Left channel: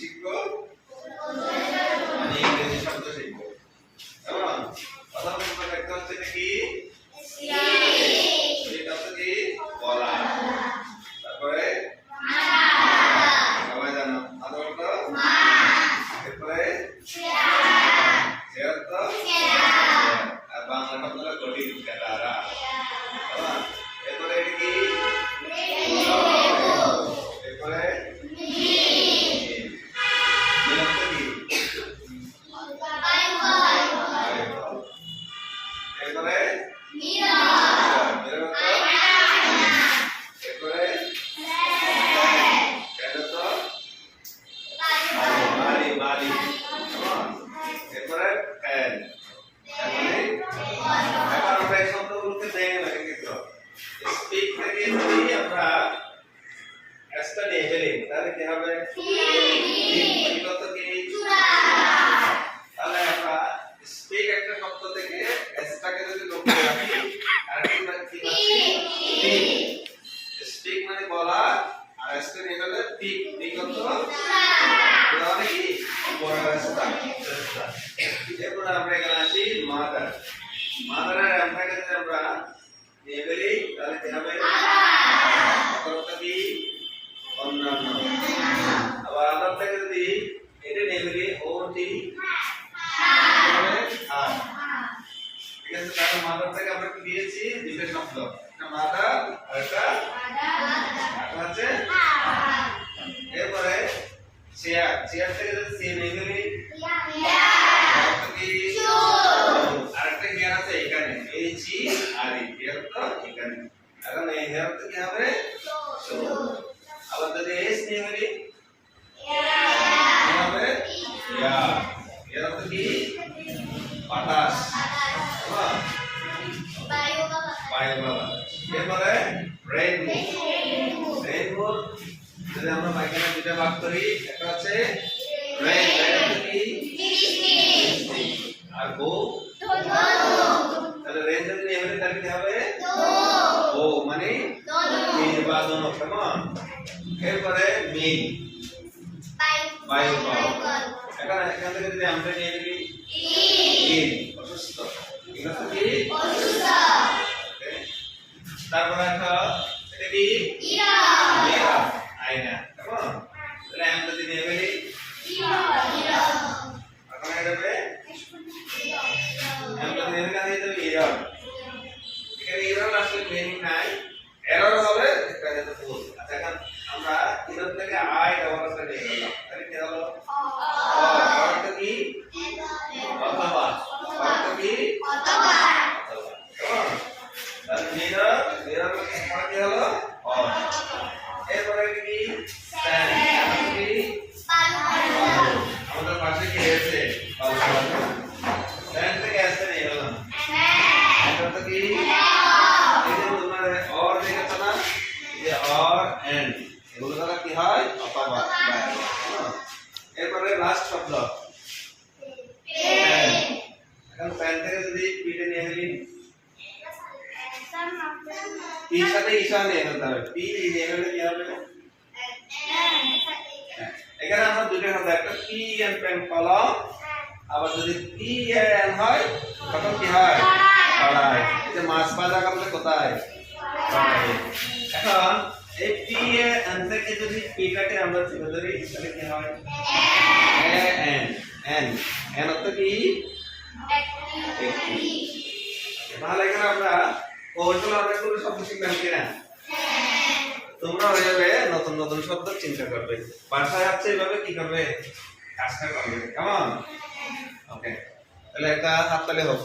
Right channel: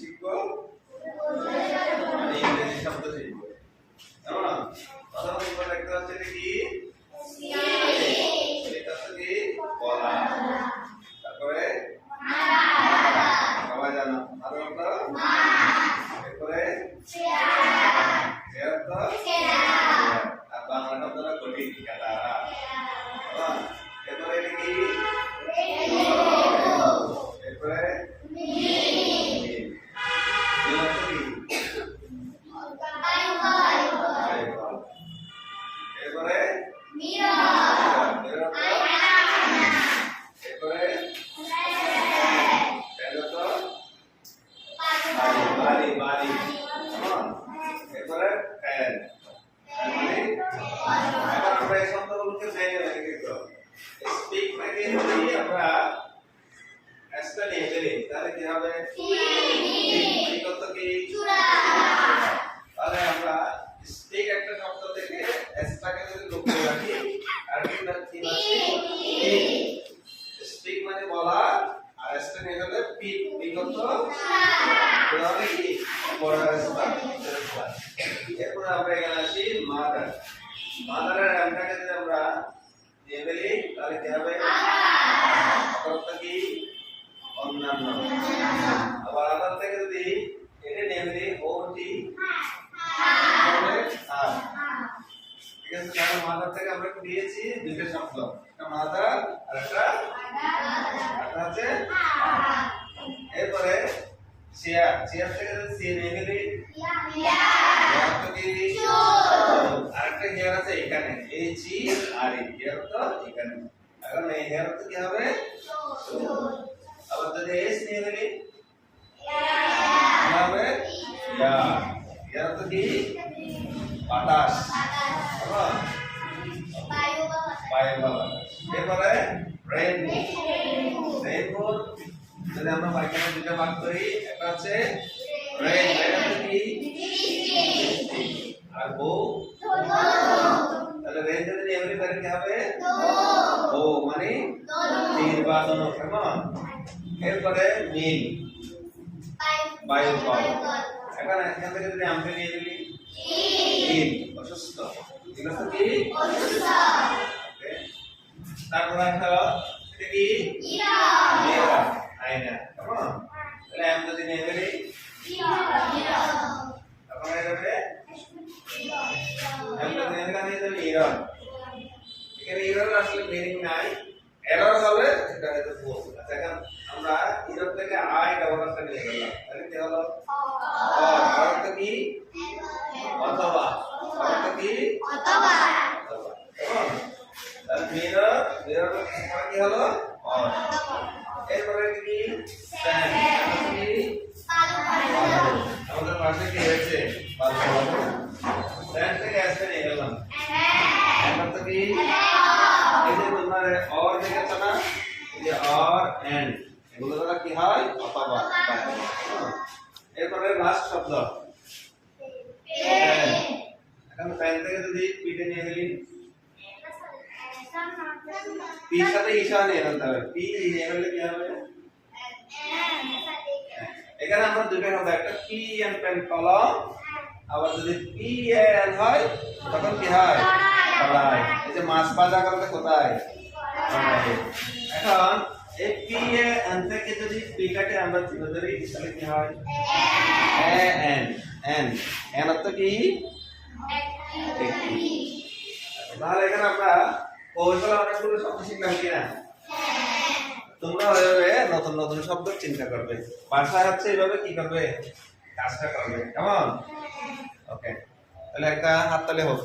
শিখব? মানে ইংরেজি শব্দ শিখব। কেমন? কথা বলব একটা হচ্ছে কি এটা হচ্ছে কি? বলা তারপরে? সবাই জানো। মালি এরপরে মানে এখন আমরা এই শব্দগুলোকে ভেঙে ভেঙে কিন্তু স্পিক থেকে যদি আমরা এসটা নিয়ে ফেলি তাহলে কি হবে? স্পিক কি তাহলে আমরা স্পিক একটা শব্দ থেকে এসটাকে যদি লক্ষ্য রাখি আর কি রাখি স্পিক মানে বলা আর এসটা নিয়ে গেলে পিক কত তাহলে কি? এরপরে আমরা এখানে আসি মাদার মাদারের নামটাকে যদি আমরা নিয়ে ফেলি তাহলে কি হবে অতটা কি অন্যান্য আবার আলাদা থেকে যদি এটা নিয়ে ফেলি ও টি আর ঠিক আছে তাহলে মাদার থেকে আমরা কি দিয়েছি দুটো শব্দ। একটা মাদার আর একটা একটা আছে। এরপরে চেয়ার চেয়ার থেকে যদি সে নিয়ে ফেলি অর্থ কি আরেকটা হেয়ার আছে এখানে এই জি আর এই হেয়ার তো এখানে এখন এই হেয়ার তো কি হবে আবার যদি এস নিয়ে ফেলি কি হবে ইয়া হেয়ার তো কি বাতাস কেমন? বায়ু বা বাতাস এরপরে রেইনবো রেইনবো যদি আমরা এখানে দুটো ভাগ করি। একটা রেইন আর বো তাহলে রেইন যদি ফেলি তাহলে কি হবে। ও মানে নির্বাচন কেমন? এরপরে মিল বায়ু পাওয়া এখন এখান থেকে যদি আমরা নিয়ে ইন এখানে ইরর আসলে মিনিং নাই এরর হবে এটা আমরা ইরর থেকে আয় ব্যবহার একটা নিয়ে গেলাম তাহলে কি হলো অর্থ কি অথবা অর্থ কি অথবা কেমন তাহলে মিরর মিরর কি হলো অর এরপরে কি স্ট্যান্ড কি আমাদের পাশে কি আছে স্ট্যান্ড থেকে আসতে নিয়ে গেলাম এখন তো কি এই যে তোমার অর দেখাচ্ছে না এই যে অর এন্ড এগুলো দ্বারা কি হয়? অথবা। এরপরে লাস্ট শব্দ। এখন প্যান থেকে যদি পিঠে নিয়ে ফেলি। পির সাথে ঈশা নিয়ে ফেলতে হবে। পি নিয়ে ফেললে কি হবে। এখানে আমরা দুইটা শব্দ, একটা পি এন পেন কলম, আবার যদি পি এন হয়, তখন কি হয়? কড়াই এই যে মাছ ভাজা করলে কোথায়। এখন এই পি এন থেকে যদি আমরা তুলে ধরি তাহলে কি হয়? এ এন এন এন অর্থ কি? তাহলে এখানে আমরা কৌশল অনেকগুলো শব্দ শিখলাম কিনা? তোমরা হয়ে নতুন নতুন শব্দ চিন্তা করবে। বাসায় হচ্ছে এভাবে কি করবে? কাজটা করবে। কেমন? ওকে তাহলে একটা হাততালি হোক।